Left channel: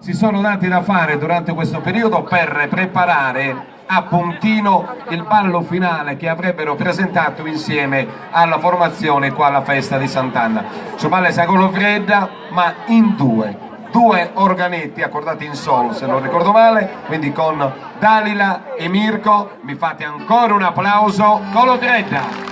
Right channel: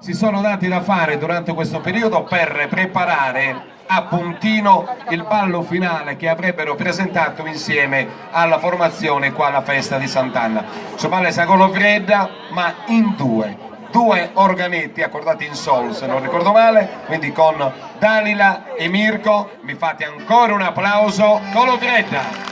si sono dati da fare durante questo periodo per preparare a puntino il ballo finale che avrebbero presentato insieme alla formazione qua alla festa di Sant'Anna. Su Valle Sagolofredda, ma in due organetti accordati in sol, se non ricordo male, quindi con Dalila e Mirko. Mi fate ancora un applauso, Golofredda!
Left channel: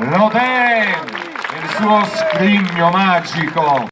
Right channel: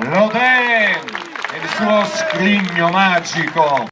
Rodin, il suo scrigno magico.